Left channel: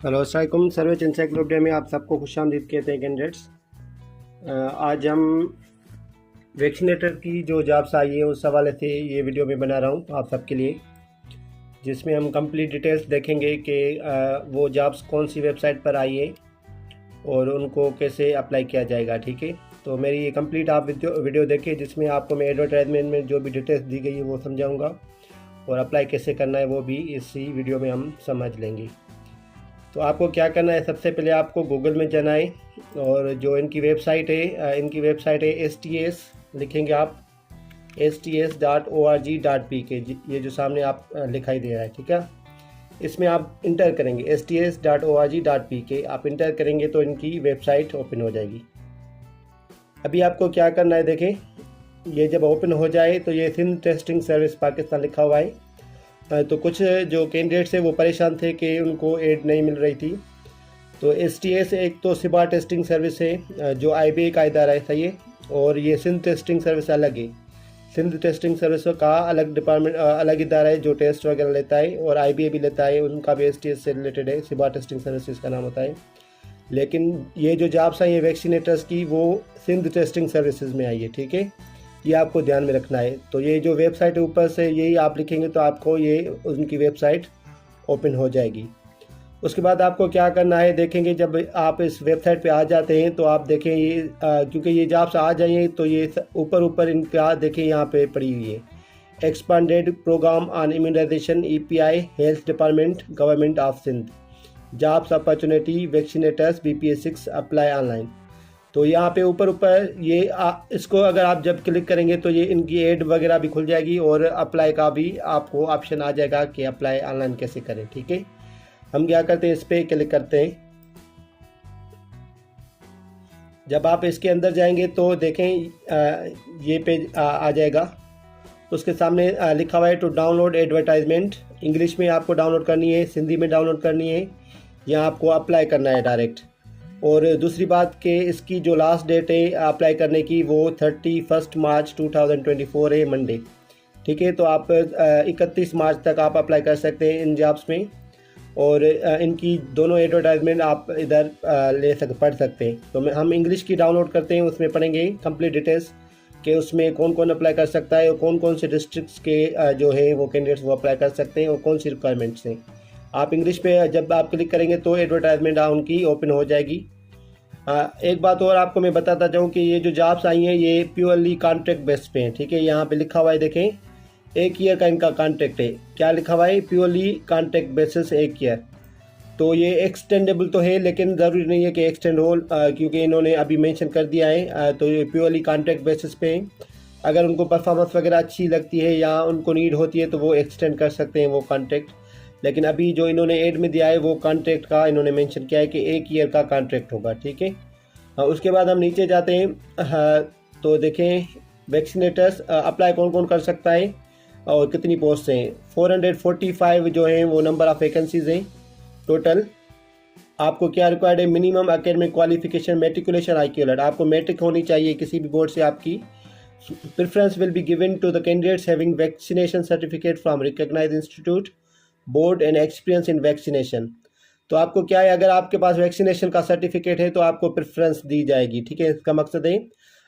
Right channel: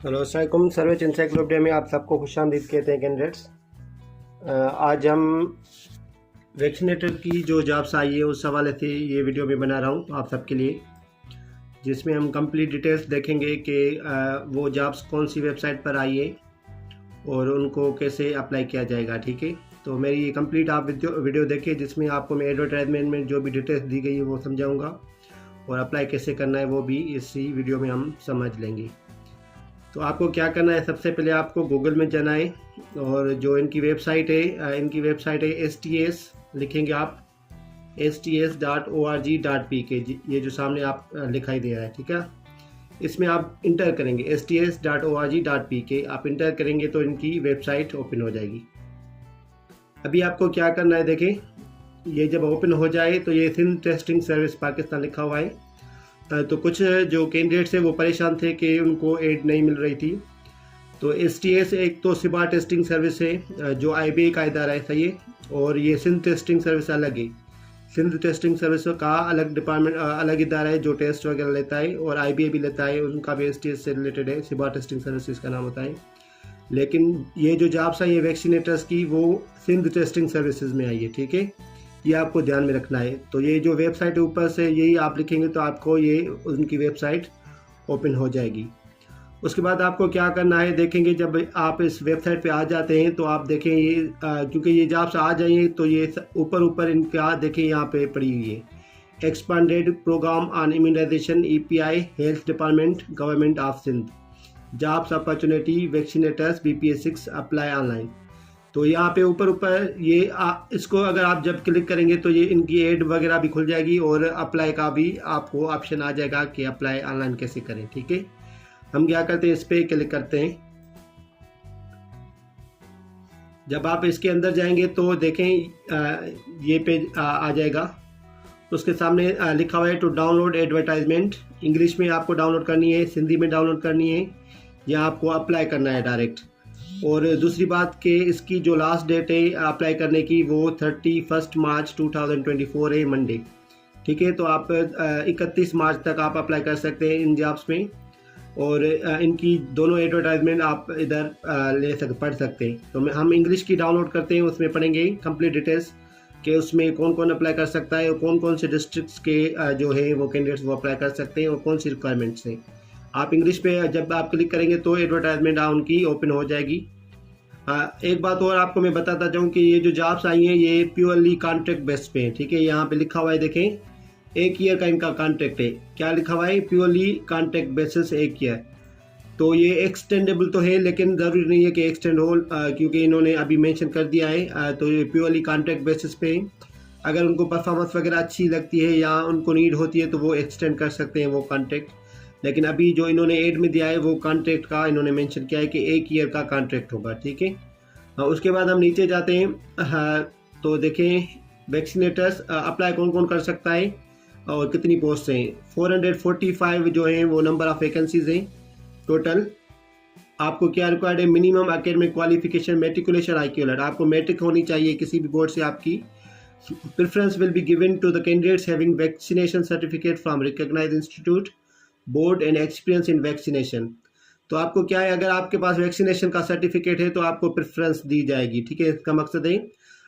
Hello अस्सलाम service encyclopedia में आप सबको खुशामदीद कहते हैं कैंडिडेट्स। आज हम वैक्सीनेटर की जो जॉब्स आई है उस हवाले से ये वीडियो में बना रहा हूँ आप सबके लिए, जिसमें हम कंप्लीट डिटेल्स देखेंगे कि वो जॉब्स कौन सी वेबसाइट पर आई है और उनको कैसे अप्लाई किया जाएगा। ठीक है, तो मेरी ये कंप्लीट आप वीडियो देखिए, जिसमें आपको मैं एडवर्टाइजमेंट में जो भी डिटेल्स दी गई है वो समझाऊँगा और अप्लाई कैसे करना है वो भी इसी वीडियो में हम समझ लेंगे। तो आपको क्या करना है, सबसे पहले आपको गूगल में जाना है और जो इनकी वेबसाइट है STS लिखेंगे आप sts.org.pk, ये जो सामने आप लिखाई दे रहा है, ठीक है। इसमें आप इंटर करेंगे sts.org.pk, आप इंटर करेंगे तो इनकी वेबसाइट ओपन हो जाएगी। अभी आपको क्या करना है, देखें, ये जब ओपन हो जाए तो ये सिंध टेस्टिंग सर्विस पाकिस्तान लिखा हुआ है। तो कुछ जो कैंडिडेट्स हैं वो परेशान थे कि उनको एड नहीं मिल रही थी। तो STS एक तो सिबा टेस्टिंग सर्विस है जो IBA का इदारा है, सही है, और ये सिंध टेस्टिंग सर्विस अलग है। सिंध टेस्टिंग सर्विस का अलग डिपार्टमेंट, अलग इदारा है जो टेस्ट वगैरह लेता है, और IBA भी लेता है, उनका भी STS से रिलेटेड है, सिबा टेस्टिंग सर्विस इसका नाम होता है। लेकिन ये जो जॉब्स हैं ये वैक्सीनेटर्स की वो सिंध टेस्टिंग सर्विसेज में आई है, ठीक है, ये आपको ध्यान में रखना है। तो ये जो वेबसाइट है ऊपर से यही आप लिखेंगे तो आपको ये उनकी वेबसाइट ओपन हो जाएगी। उसके बाद आपको क्या करना है, देखेंगे जब आप इस वेबसाइट पे आ जाते हैं तो आप देखें ये क्योंकि ये जॉब्स आ जाइए तो ये ऊपर इनका देखें यहाँ पे पड़ी हुई है, expanded programme on immunisation EPI health department government of Sindh, jobs opportunity vaccinators BPS6 apply online. तो यहाँ पे ऊपर ये इसको अगर आप जब क्लिक करेंगे तो ये इनकी एड वगैरह भी खुल जाएगी और अप्लाई का भी आपको ऑप्शन आ जाएगा कि अप्लाई ऑनलाइन कैसे करें। ठीक है, हम क्या करते हैं, इस पर क्लिक करते हैं। जब आप इसके अंदर जाएंगे तो देखें ये पेज आ जाएगा। उसके सामने लिखा हुआ है टू डाउनलोड एडवर्टाइजमेंट, इंग्लिश में आपको डाउनलोड करनी है, सिंधी में डाउनलोड करनी है, यहाँ आपको अप्लाई करना है डायरेक्ट। और दूसरी बात कि इसकी जो लास्ट डेट है अप्लाई करने की वो 31 मार्च 2024 है, मंडे। ठीक है, तो आप 31 मार्च तक आप अप्लाई कर सकते हैं इन जॉब्स में, और इनकी दोनों एडवर्टाइजमेंट आप इधर पढ़ सकते हैं। तो हम इंग्लिश की डाउनलोड करते हैं, उसमें पढ़ेंगे कंप्लीट डिटेल्स कि उसमें कौन कौन अप्लाई कर सकता है और कौन कौन से डिस्ट्रिक्ट्स के जो है वो कैंडिडेट्स वो अप्लाई कर सकते हैं और कौन सी रिक्वायरमेंट्स हैं। आप इंग्लिश पे जब आप क्लिक करेंगे तो एडवर्टाइजमेंट उनकी ओपन हो जाएगी। एक बात और आपको मैं बताता जाऊँ कि ये जो जॉब्स आई हैं ये प्योरली कॉन्ट्रैक्ट बेस पे हैं। ठीक है, यहाँ पे लिखा हुआ है, देखें, 1 ईयर का इनका कॉन्ट्रैक्ट है। क्या लिखा हुआ है, प्योरली कॉन्ट्रैक्ट बेसिस 1 ईयर। तो ये एक्सटेंडेबल तो है लेकिन ज़रूरी नहीं है कि एक्सटेंड हो, क्योंकि इन्होंने अभी मेंशन कर दिया है। तो ये प्योरली कॉन्ट्रैक्ट बेसिस पे है। अगर उनको परफॉर्मेंस वगैरह अच्छी लगती है या उनको नीड होती है तो वो एक्सटेंड कर सकते हैं वो कॉन्ट्रैक्ट, लेकिन अभी जो इन्होंने एड में दिया है वो कॉन्ट्रैक्ट का इन्होंने मेंशन किया है कि 1 ईयर का कॉन्ट्रैक्ट होगा। ठीक है, उसके बाद हम नीचे जाते हैं। तो देखें वैक्सीनेटर्स अप्लाई कौन कौन कर सकता है और कितनी पोस्ट हैं। 445 जो हैं वो नंबर ऑफ़ वैकेंसीज हैं टोटल। आपको क्या रिक्वायर्ड है, minimum academic qualification matriculation IQ alert, आपको मैट्रिक होनी चाहिए किसी भी बोर्ड से आपकी। Preference will be given to the candidates having vaccination certificate from recognised institute board and experience in vaccination. तो आपको क्या है, अगर आपके पास वैक्सीनेशन का सर्टिफिकेट है तो आपको प्रेफरेंस दी जाएगी। ठीक है, इसका मकसद है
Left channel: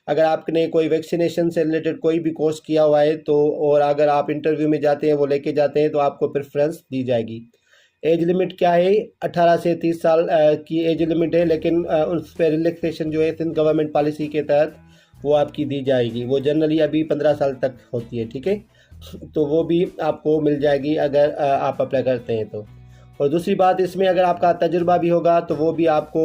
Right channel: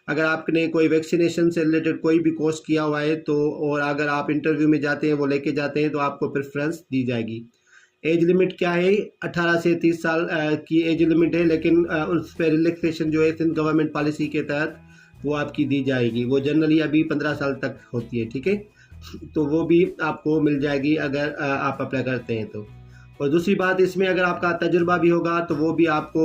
अगर आपने कोई वैक्सीनेशन से रिलेटेड कोई भी कोर्स किया हुआ है तो, और अगर आप इंटरव्यू में जाते हैं वो लेके जाते हैं तो आपको प्रेफरेंस दी जाएगी। एज लिमिट क्या है, 18 से 30 साल की एज लिमिट है, लेकिन उस पर रिलैक्सेशन जो है सिंध गवर्नमेंट पॉलिसी के तहत वो आपकी दी जाएगी। वो जनरली अभी 15 साल तक होती है। ठीक है, तो वो भी आपको मिल जाएगी अगर आप अप्लाई करते हैं तो। और दूसरी बात, इसमें अगर आपका तजुर्बा भी होगा तो वो भी आपको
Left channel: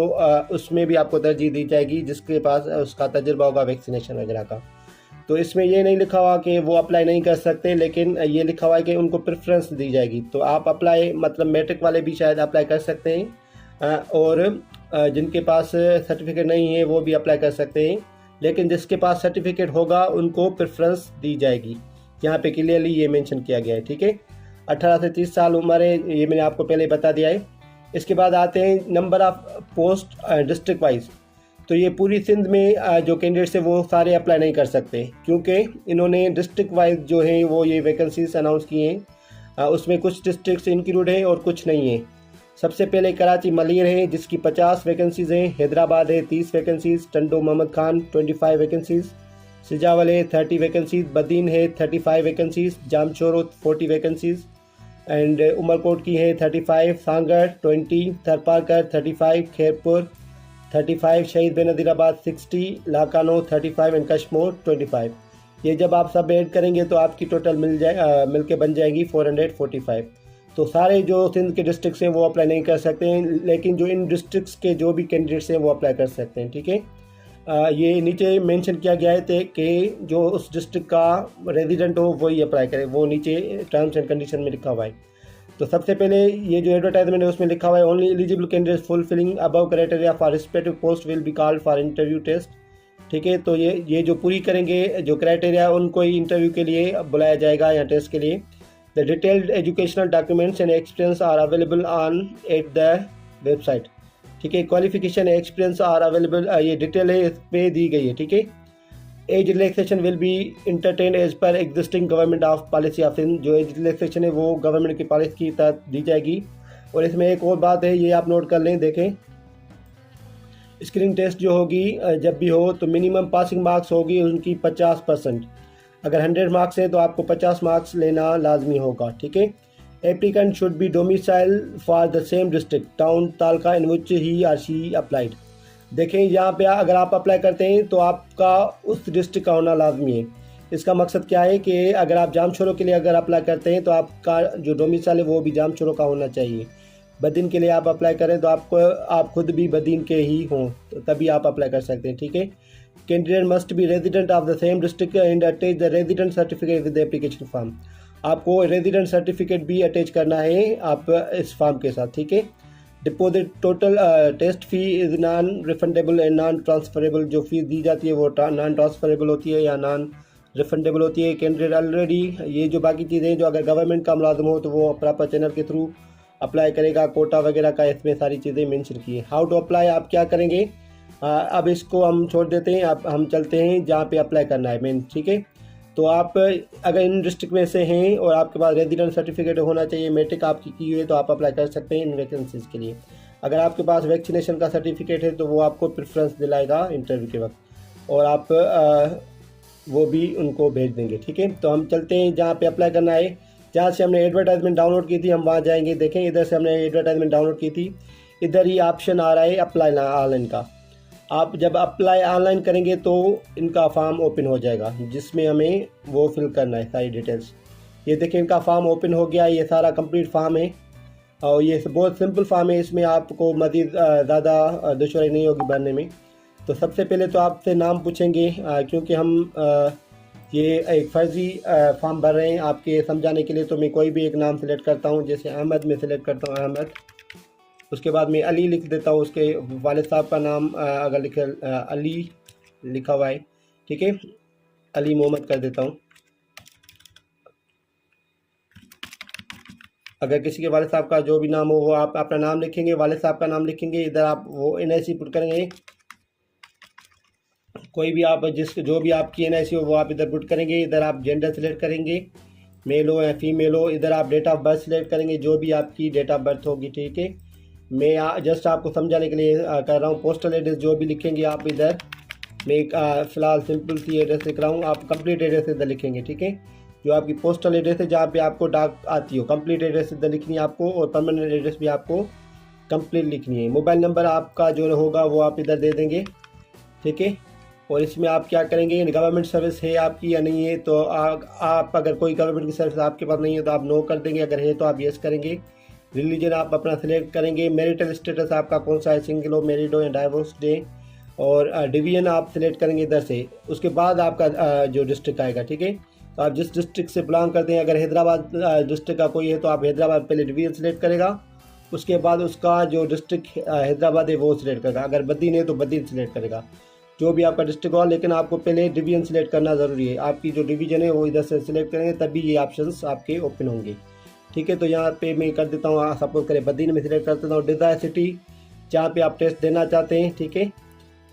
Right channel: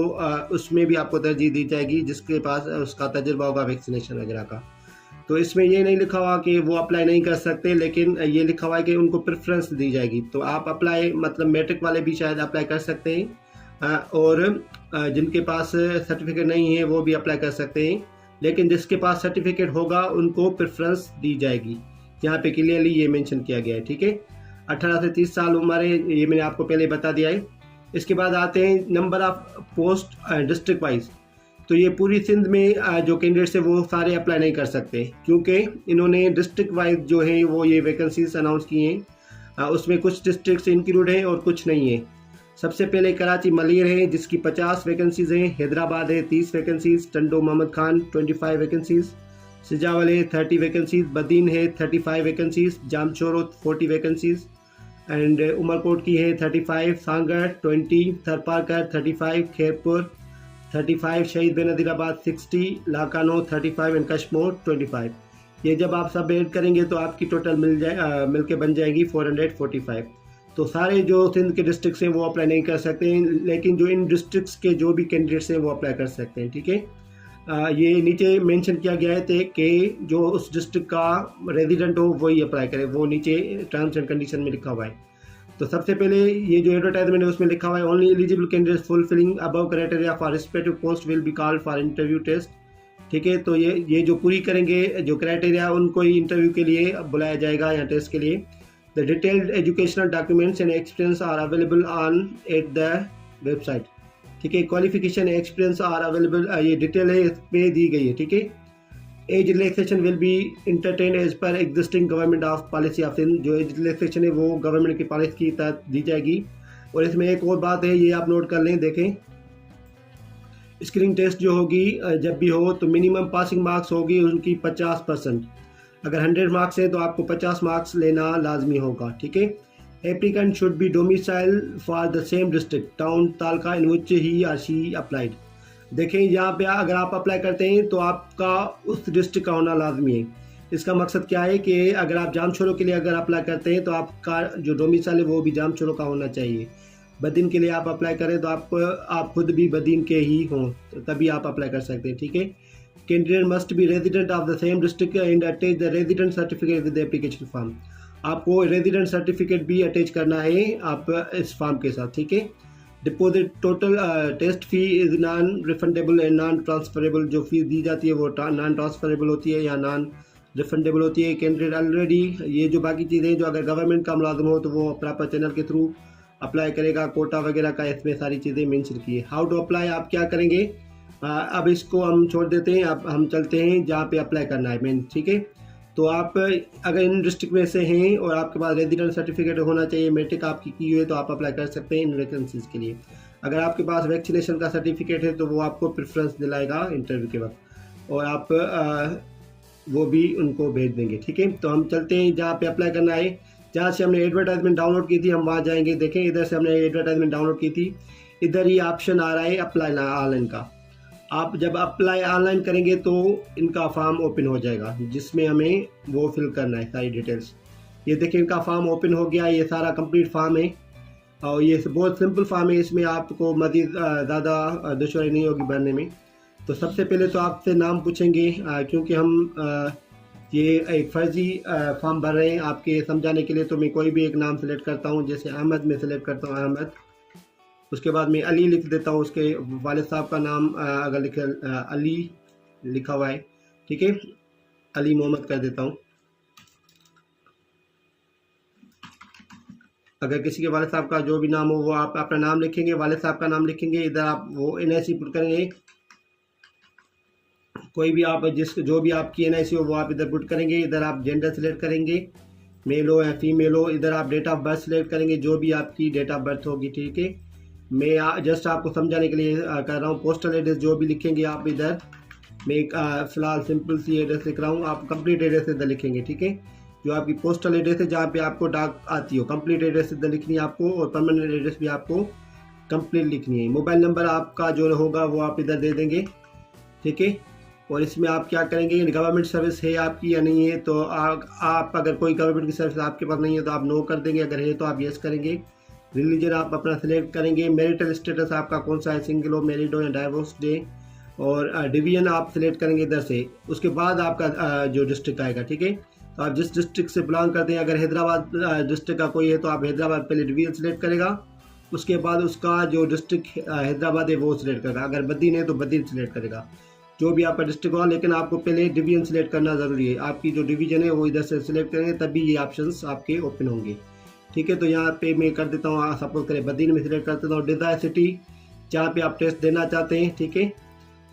उसमें भी आपको तरजीह दी जाएगी जिसके पास उसका तजुर्बा होगा वैक्सीनेशन वगैरह का। तो इसमें ये नहीं लिखा हुआ कि वो अप्लाई नहीं कर सकते, लेकिन ये लिखा हुआ है कि उनको प्रेफरेंस दी जाएगी। तो आप अप्लाई, मतलब मैट्रिक वाले भी शायद अप्लाई कर सकते हैं, और जिनके पास सर्टिफिकेट नहीं है वो भी अप्लाई कर सकते हैं, लेकिन जिसके पास सर्टिफिकेट होगा उनको प्रेफरेंस दी जाएगी। यहाँ पे क्लियरली ये मेंशन किया गया है। ठीक है, 18 से 30 साल उम्र है, ये मैंने आपको पहले बता दिया है। इसके बाद आते हैं number of post district wise. तो ये पूरी सिंध में जो कैंडिडेट्स है वो सारे अप्लाई नहीं कर सकते, क्योंकि इन्होंने डिस्ट्रिक्ट वाइज जो है वो ये वैकेंसीज अनाउंस की हैं। उसमें कुछ डिस्ट्रिक्ट्स इंक्लूड हैं और कुछ नहीं है। सबसे पहले कराची मलिर है जिसकी 50 वैकेंसीज़ हैं, हैदराबाद है 30 वैकेंसीज़, टंडो मोहम्मद खान 25 वैकेंसीज़, सिजावल है 30 वैकेंसीज़, बदीन है 35 vacancies, Jamshoro 40 vacancies and Umerkot की है 35, सांगड़ 20, थरपारकर 35, खैरपुर 35, शहीद बेनज़ीराबाद 60, लाकानो 35 एंड कश्मीर 25। ये जब आप सब ऐड करेंगे तो आपकी टोटल मिल के बन जाएगी 445। तो सारे जो सिंध के डिस्ट्रिक्ट्स हैं वो अप्लाई नहीं कर सकते हैं, लेकिन जो इन डिस्ट्रिक्ट्स के जो भी कैंडिडेट्स हैं वो अप्लाई कर सकते हैं। ठीक है, ये नीचे मेंशन किया गया है कि जो उस डिस्ट्रिक्ट का रेजिडेंट हो वही अप्लाई करे, वो नीचे टर्म्स एंड कंडीशन में लिखा हुआ है। तो सबसे पहले ये जो एडवर्टाइजमेंट है उसमें लिखा हुआ है only eligible candidate fulfilling above criteria for respective post will be called for interview test. ठीक है, तो ये जो पूरी करेंगे जो क्राइटेरिया उनको ही इंटरव्यू के लिए बुलाया जाएगा या टेस्ट के लिए। The detailed educational documents and experience are available on at the website. ठीक है, क्वालिफिकेशन एक्सपीरियंस आर अवेलेबल, ये डिटेल है इस पे दी गई है। ठीक है, age relaxation will be entertain as per existing government of policy of Sindh. जो एज रिलैक्सेशन है वो गवर्नमेंट की पॉलिसी की तहत दी जाएगी। और इसमें एक और बात है, ये आप नोट कर लें, देखें स्क्रीनिंग टेस्ट जो होगी जब भी हो तो मिनिमम पासिंग मार्क्स होगी उनकी 50%। अगर 100 मार्क्स है तो आपको 50 मार्क्स लेना लाजमी होगा। ठीक है, applicant should be domicile for the same district town taluka in which he or she applied. देखें यहाँ पे अगर आप अप्लाई करते हैं तो आपका उस डिस्ट्रिक्ट का होना लाजमी है। इसका मकसद क्या है कि अगर आप जामशोरो के लिए अगर अप्लाई करते हैं तो आपका जो डोमिसाइल है वो भी जामशोरो का होना चाहिए। बदीन के लिए आप अप्लाई करें तो आप खुद भी बदीन के ही हों तो तभी आप अप्लाई कर सकते हैं। ठीक है, candidate must be resident of the same district and attach the resident certificate with the application form. आपको रेजिडेंट सर्टिफिकेट भी अटैच करना है आप इस फॉर्म के साथ। ठीक है, deposit total test fee is non refundable and non transferable. जो फीस दी जाती है वो नॉन ट्रांसफरेबल होती है या नॉन रिफंडेबल होती है। कैंडिडेट ऑलरेडी ये जो बाकी चीज़ें जो अगर गवर्नमेंट का मुलाजिम हो तो वो प्रॉपर चैनल के थ्रू अप्लाई करेगा, कोटा वगैरह का इसमें सारी चीज़ें मेंशन की है। हाउ टू अप्लाई आप क्या करेंगे, अब इसको हम छोड़ देते हैं, अब हम चलते हैं जहाँ पे अप्लाई करना है मेन। ठीक है, तो आप अगर इन डिस्ट्रिक्ट में से हैं और आपके पास रेजिडेंट सर्टिफिकेट होना चाहिए, मैट्रिक आपकी की हुई है तो आप अप्लाई कर सकते हैं इन वैकेंसीज़ के लिए। अगर आपके पास वैक्सीनेशन का सर्टिफिकेट है तो वो आपको प्रेफरेंस दिलाएगा इंटरव्यू के वक्त और आप वो भी उनको भेज देंगे। ठीक है, तो हम चलते हैं जहाँ पे अप्लाई करना है। जहाँ से हमने एडवर्टाइजमेंट डाउनलोड की थी हम वहाँ जाएंगे। देखें इधर से हमने एडवर्टाइजमेंट डाउनलोड की थी, इधर ही ऑप्शन आ रहा है अप्लाई ऑनलाइन का। आप जब अप्लाई ऑनलाइन करेंगे तो इनका फॉर्म ओपन हो जाएगा जिसमें हमें वो फिल करना है सारी डिटेल्स। ये देखें इनका फॉर्म ओपन हो गया, ये सारा कंप्लीट फॉर्म है और ये बहुत सिंपल फॉर्म है, इसमें आपको मज़ीद ज़्यादा दुश्वारी नहीं होगी भरने में। तो सबसे पहले तो आपसे नाम पूछेंगे क्योंकि हम ये एक फ़र्ज़ी फॉर्म भर रहे हैं आपके समझाने के लिए, तो मैं कोई भी एक नाम सेलेक्ट करता हूँ, जैसे अहमद में सेलेक्ट करता हूँ अहमद। उसके बाद मैं अली लिख देता हूँ, उसके वालिद साहब का नाम अगर लिखे अली लिखा हुआ है। ठीक है, अली मोहम्मद कर देता हूँ। अगर किसी के वालिद साहब का जो भी नाम हो वो आप अपना नाम लिखेंगे, वालिद साहब का नाम लिखेंगे, इधर आप वो NIC पुट करेंगे, कोई भी आप जो भी आपकी NIC हो वो आप इधर पुट करेंगे। इधर आप जेंडर सेलेक्ट करेंगे, मेल हो या फीमेल हो। इधर आप डेट ऑफ बर्थ सेलेक्ट करेंगे, जो भी आपकी डेट ऑफ बर्थ होगी। ठीक है, मैं जस्ट आपको समझाने के लिए कर रहा हूँ। पोस्टल एड्रेस जो भी लिखेंगे आप इधर, मैं फ़िलहाल सिंपल सी एड्रेस लिख रहा हूँ, आप कंप्लीट एड्रेस इधर लिखेंगे। ठीक है, जो आपकी पोस्टल एड्रेस है जहाँ पे आपको डाक आती हो, कंप्लीट एड्रेस इधर लिखनी है आपको और परमानेंट एड्रेस भी आपको कंप्लीट लिखनी है। मोबाइल नंबर आपका जो होगा वो आप इधर दे देंगे। ठीक है, और इसमें आप क्या करेंगे, गवर्नमेंट सर्विस है आपकी या नहीं है, तो आप अगर कोई गवर्नमेंट की सर्विस आपके पास नहीं है तो आप नो कर देंगे, अगर है तो आप येस करेंगे। रिलीजन आप अपना सिलेक्ट करेंगे, मैरिटल स्टेटस आपका कौन सा है, सिंगल हो, मैरिड हो या डाइवोर्स डे, और डिवीजन आप सिलेक्ट करेंगे इधर से। उसके बाद आपका जो डिस्ट्रिक्ट आएगा। ठीक है, तो आप जिस डिस्ट्रिक्ट से बिलोंग करते हैं, अगर हैदराबाद डिस्ट्रिक्ट का कोई है तो आप हैदराबाद पहले डिवीजन सिलेक्ट करेगा, उसके बाद उसका जो डिस्ट्रिक्ट हैदराबाद है वो सिलेक्ट करेगा। अगर बदीन है तो बदीन सिलेक्ट करेगा, जो भी आपका डिस्ट्रिक्ट हो, लेकिन आपको पहले डिवीजन सिलेक्ट करना ज़रूरी है। आपकी जो डिवीजन है वो इधर से सिलेक्ट करेंगे तभी ये ऑप्शंस आपके ओपन होंगे। ठीक है, तो यहाँ पे मैं कर देता हूँ, सपोज करें बदीन में सिलेक्ट कर देता हूँ डिज़ायर सिटी जहाँ पे आप टेस्ट देना चाहते हैं। ठीक है,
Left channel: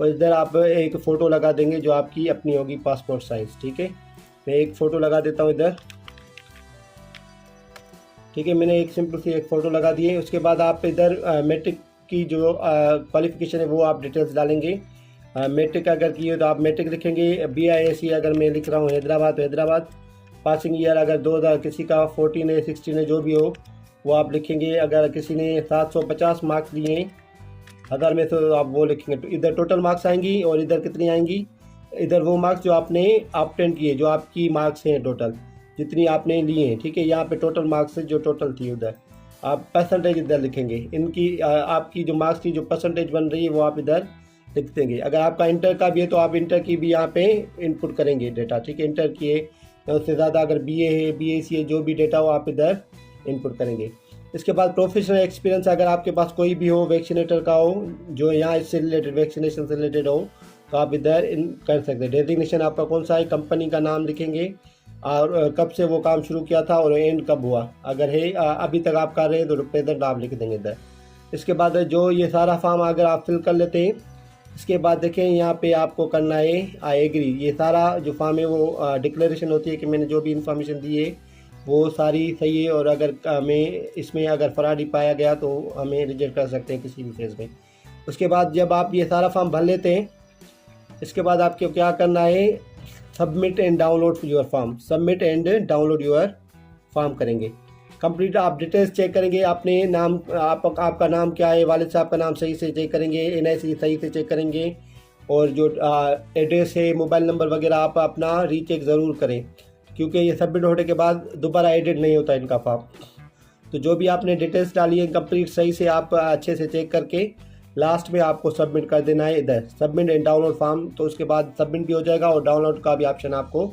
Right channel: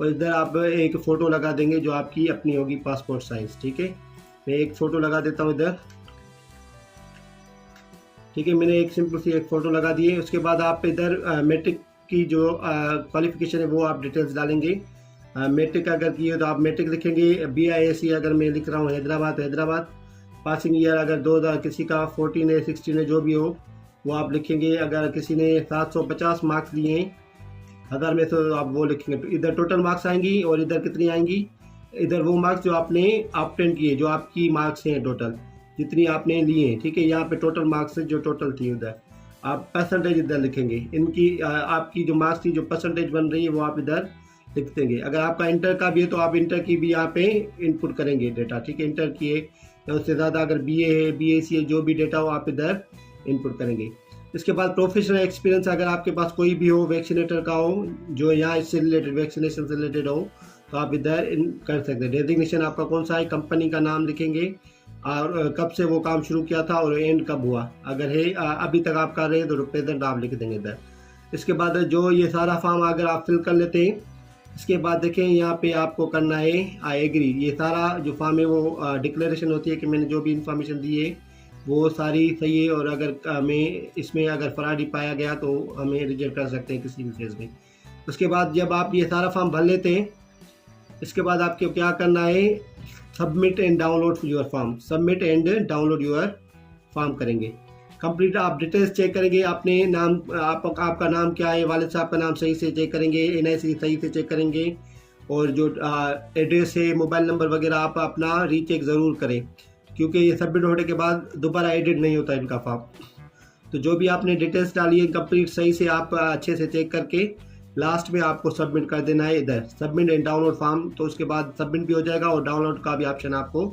और इधर आप एक फ़ोटो लगा देंगे जो आपकी अपनी होगी पासपोर्ट साइज़। ठीक है, मैं एक फ़ोटो लगा देता हूँ इधर। ठीक है, मैंने एक सिंपल सी एक फ़ोटो लगा दी है। उसके बाद आप इधर मैट्रिक की जो क्वालिफ़िकेशन है वो आप डिटेल्स डालेंगे। मैट्रिक अगर की हो तो आप मैट्रिक लिखेंगे। BISC अगर मैं लिख रहा हूँ हैदराबाद तो हैदराबाद। पासिंग ईयर अगर 2000 किसी का 14 है 16 है जो भी हो वो आप लिखेंगे। अगर किसी ने 750 मार्क्स लिए हैं 1000 में तो आप वो लिखेंगे। तो इधर टोटल मार्क्स आएंगी और इधर कितनी आएंगी, इधर वो मार्क्स जो आपने ऑब्टेन किए, जो आपकी मार्क्स हैं टोटल जितनी आपने लिए हैं। ठीक है, यहाँ पे टोटल मार्क्स जो टोटल थी उधर आप परसेंटेज इधर लिखेंगे। इनकी आपकी जो मार्क्स की जो परसेंटेज बन रही है वो आप इधर लिख देंगे। अगर आपका इंटर का भी है तो आप इंटर की भी यहाँ पे इनपुट करेंगे डेटा। ठीक है, इंटर की है या उससे ज़्यादा अगर BA है BAC है जो भी डेटा हो आप इधर इनपुट करेंगे। इसके बाद प्रोफेशनल एक्सपीरियंस अगर आपके पास कोई भी हो, वैक्सीनेटर का हो जो यहाँ इससे रिलेटेड वैक्सीनेशन से रिलेटेड हो तो आप इधर कर सकते हैं। डेजिग्नेशन आपका कौन सा है, कंपनी का नाम लिखेंगे और कब से वो काम शुरू किया था और एंड कब हुआ। अगर है अभी तक आप कर रहे हैं तो प्रेजेंट आप लिख देंगे इधर। इसके बाद जो ये सारा फॉर्म अगर आप फिल कर लेते हैं, इसके बाद देखें यहाँ पे आपको करना है आई एग्री। ये सारा जो फॉर्म है वो डिक्लेरेशन होती है कि मैंने जो भी इंफॉर्मेशन दी है वो सारी सही है और अगर हमें इसमें अगर फराडी पाया गया तो हमें रिजेक्ट कर सकते हैं किसी भी फेज में। उसके बाद जब आप ये सारा फॉर्म भर लेते हैं, इसके बाद आपको क्या करना है, submit and download your form. Submit and download your form करेंगे। कंप्लीट आप डिटेल्स चेक करेंगे, अपने नाम आपका नाम क्या है, वालिद साहब का नाम सही से चेक करेंगे, NIC सही से चेक करेंगे और जो एड्रेस है मोबाइल नंबर वगैरह आप अपना रीचेक ज़रूर करें क्योंकि ये सबमिट होने के बाद दोबारा एडिट नहीं होता इनका फॉर्म। तो जो भी आपने डिटेल्स डाली है कंप्लीट सही से आप अच्छे से चेक करके लास्ट में आपको सबमिट कर देना है इधर सबमिट एंड डाउनलोड फॉर्म। तो उसके बाद सबमिट भी हो जाएगा और डाउनलोड का भी ऑप्शन आपको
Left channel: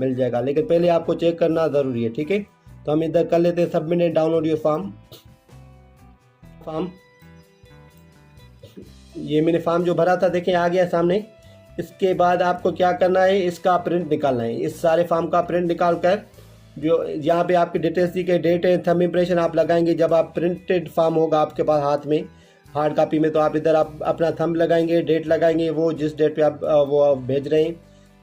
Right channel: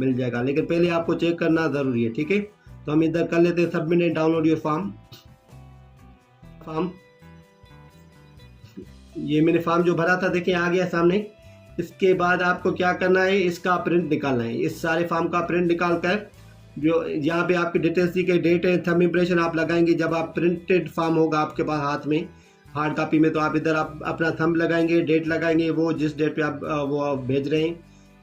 मिल जाएगा, लेकिन पहले आपको चेक करना ज़रूरी है। ठीक है, तो हम इधर कर लेते हैं submit and download your form. ये मैंने फॉर्म जो भरा था देखें आ गया सामने। इसके बाद आपको क्या करना है, इसका प्रिंट निकालना है। इस सारे फॉर्म का प्रिंट निकाल कर जो यहाँ पे आपकी डिटेल्स दी गई डेट है थंब इम्प्रेशन आप लगाएंगे। जब आप प्रिंटेड फॉर्म होगा आपके पास हाथ में हार्ड कॉपी में तो आप इधर आप अपना थंब लगाएंगे, डेट लगाएंगे, वो जिस डेट पे आप वो भेज रहे हैं।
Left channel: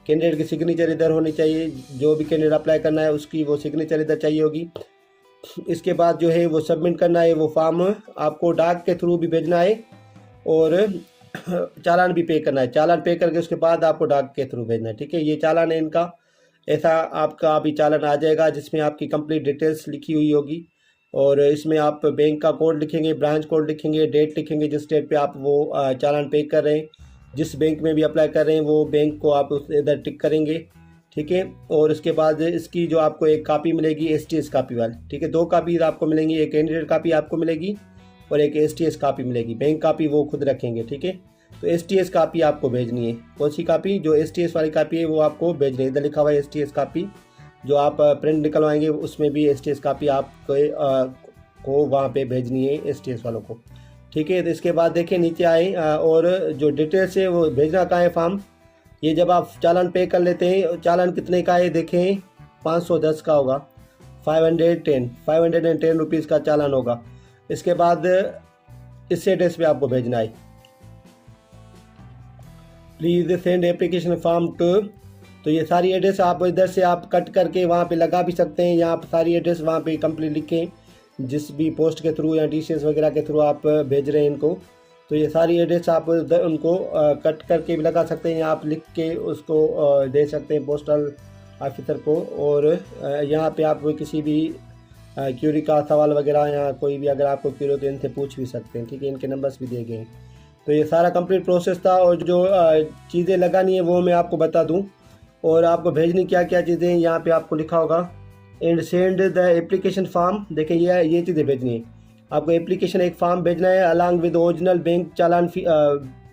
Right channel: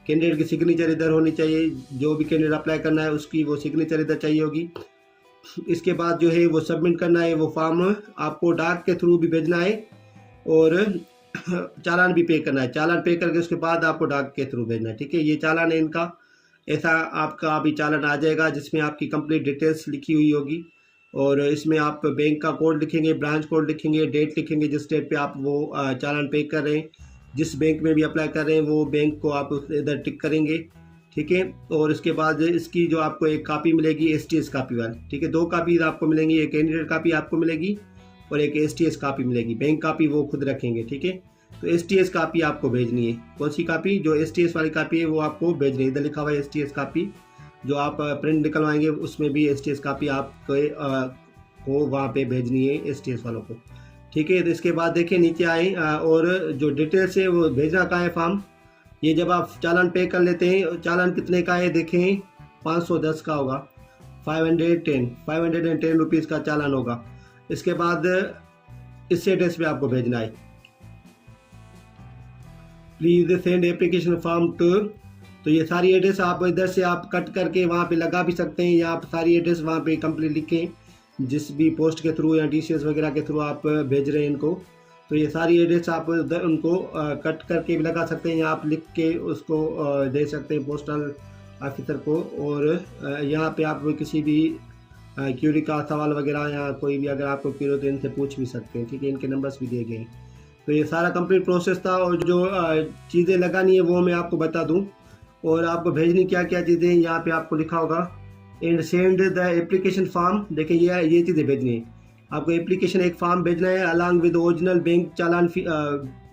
कैंडिडेट की सिग्नेचर इधर होनी चाहिए, जो भी कैंडिडेट अप्लाई करना है उसकी वो सिग्नेचर इधर चाहिए होगी। इसके बाद जो है वो सबमिट करना है। वो फॉर्म आपको डाक के थ्रू भी भेजना है और चालान भी पे करना है। चालान पे करके उसके बाद आपको डाक के थ्रू भेजना है। ठीक है, ये चालान है इनका, ऐसा आपका अभी चालान आ जाएगा जिसमें आपकी कंप्लीट डिटेल्स लिखी हुई होगी और इसमें आप बैंक का कोड लिखेंगे, ब्रांच कोड लिखेंगे, डेट लिखेंगे जिस डेट पे आप वो चालान पे कर रहे हैं। जिस बैंक में भी अप्लाई कर रहे हैं वो बैंक को आप इधर टिक करेंगे। ठीक है, और इसके बाद इसकी जो आपको एक कापी मिलेगी STS कापी वाली। ठीक है, 2 कापी आपको मिलेंगी, एक कैंडिडेट कापी आपको मिलेगी और एक STS कापी मिलेगी। बैंक कापी वो खुद रखेंगे। ठीक है, तो STS कापी आपको भेजनी है। कौन सी कापी, जो STS वाली कापी है वो आपको भेजनी है। इधर लिखा हुआ है STS कापी, जो आप प्रिंट निकलवाएंगे उसमें भी STS कापी आपको वहाँ पे भेजनी है STS वालों को। ठीक है, तो इसके बाद देखिए नीचे आए और जो डिटेल्स है वो भेजना कहाँ है फॉर्म। ये जब आप चालान पे कर लेते हैं, चालान कितने का है देखें, 510 का होगा, 510 रुपीज़ का चालान होगा। इसके बाद इस एड्रेस पे आपको भेजना है, please send application form to. तो ये सारी एड्रेस आप इधर से आप कट करके वहाँ पे लगा भी सकते हैं, या आप सारी एड्रेस वहाँ पे कंप्लीट लिखें जिस भी पोस्ट के थ्रू या DCS वगैरह के थ्रू आप भेज रहे हैं इनको। तो ये सारी एड्रेस आप उनको कट करके भी लगा सकते हैं या आप लिख के उसको दे सकते हैं पोस्टल ऑफिसर को। और यहाँ पे आप किसी भी क्यूरी का सवाल वगैरह या कोई भी अगर आपको क्यूरी हो तो इनसे पूछ भी सकते हैं। ठीक है, इनके नंबर्स भी दिए गए। तो ये सारा कंप्लीट प्रोसेस था और जो चीज़ें लगानी है वो मैं आपको बता दूं और आपको भेजनी क्या क्या चीज़ें यहाँ पे आपको लिखा होगा। And send the application form, देखें ये चीज़ें भेजनी है आपको। एप्लीकेशन एक फॉर्म भेजना है along with original bank challan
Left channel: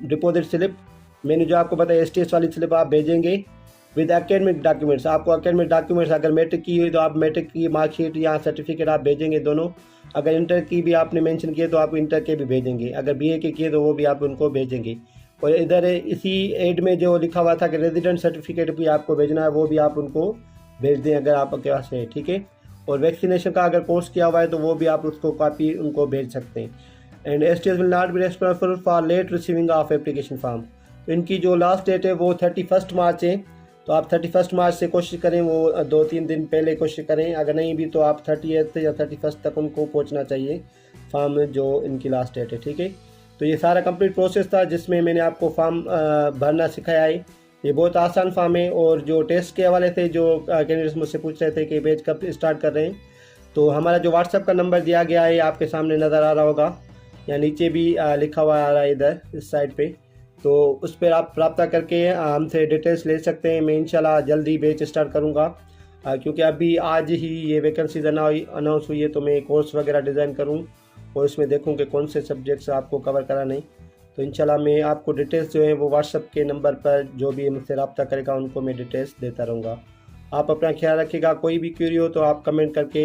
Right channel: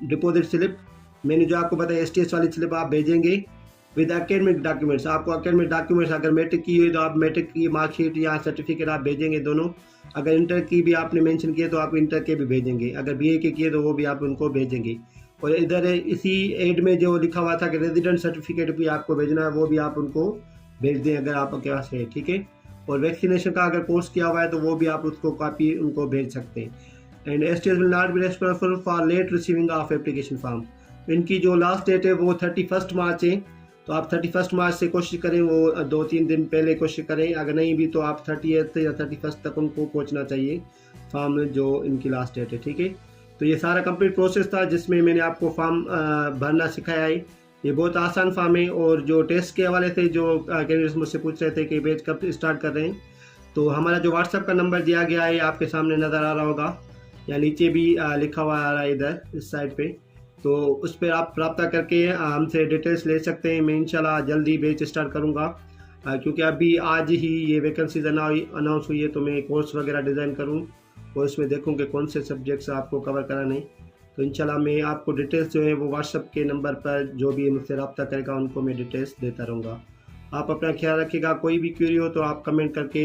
deposit slip. मैंने जो आपको बताया STS वाली स्लिप आप भेजेंगे विद एकेडमिक डॉक्यूमेंट्स। आपको एकेडमिक डॉक्यूमेंट्स अगर मैट्रिक की हुई तो आप मैट्रिक की मार्कशीट या सर्टिफिकेट आप भेजेंगे दोनों। अगर इंटर की भी आपने मेंशन किए तो आप इंटर के भी भेजेंगे। अगर BA के किए तो वो भी आप उनको भेजेंगे। और इधर इसी एड में जो लिखा हुआ था कि रेजिडेंट सर्टिफिकेट भी आपको भेजना है, वो भी आप उनको भेज दें अगर आपके पास है। ठीक है, और वैक्सीनेशन का अगर कोर्स किया हुआ है तो वो भी आप उसको कॉपी उनको भेज सकते हैं। And STS will not be responsible for late receiving of application form. इनकी जो लास्ट डेट है वो 31 मार्च है। तो आप 31 मार्च से कोशिश करें, वो 2-3 दिन पहले कोशिश करें, अगर नहीं भी तो आप 30th या 31 तक उनको पहुंचना चाहिए फॉर्म जो इनकी लास्ट डेट है, ठीक है। तो ये सारा कंप्लीट प्रोसेस था जिसमें मैंने आपको फॉर्म भरना सिखाया है। ये बहुत आसान फॉर्म है। और जो टेस्ट के हवाले से जो कैंडिडेट्स मुझसे पूछ रहे थे कि बैच कब स्टार्ट कर रहे हैं, तो हमारा जो व्हाट्सएप का नंबर दिया गया है आपके सामने नज़र आ रहा होगा, या नीचे भी लिखा हुआ आ रहा है इधर इस साइड पे, तो उस पर आप रब्ता करके हमसे डिटेल्स ले सकते हैं। मैं इंशाल्लाह जल्दी बैच स्टार्ट करूँगा, क्योंकि अभी आज ही ये वैकेंसीज अनाउंस हुई है, तो मैं कोर्स वगैरह डिज़ाइन करूँ और उसमें देखूँ कि कौन से सब्जेक्ट्स आपको कवर कराने। तो इंशाल्लाह मैं आपको डिटेल्स जो है वो व्हाट्सएप के नंबर पर जो भी मुझसे रब्ता करेगा उनको मैं डिटेल्स देता रहूँगा। आप अपना ख्याल रखिएगा। कोई भी क्वेरी हो तो आप कमेंट करके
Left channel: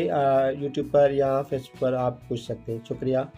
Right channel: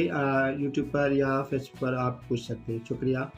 यूट्यूब पर या फेसबुक पर आप पूछ सकते हैं। शुक्रिया।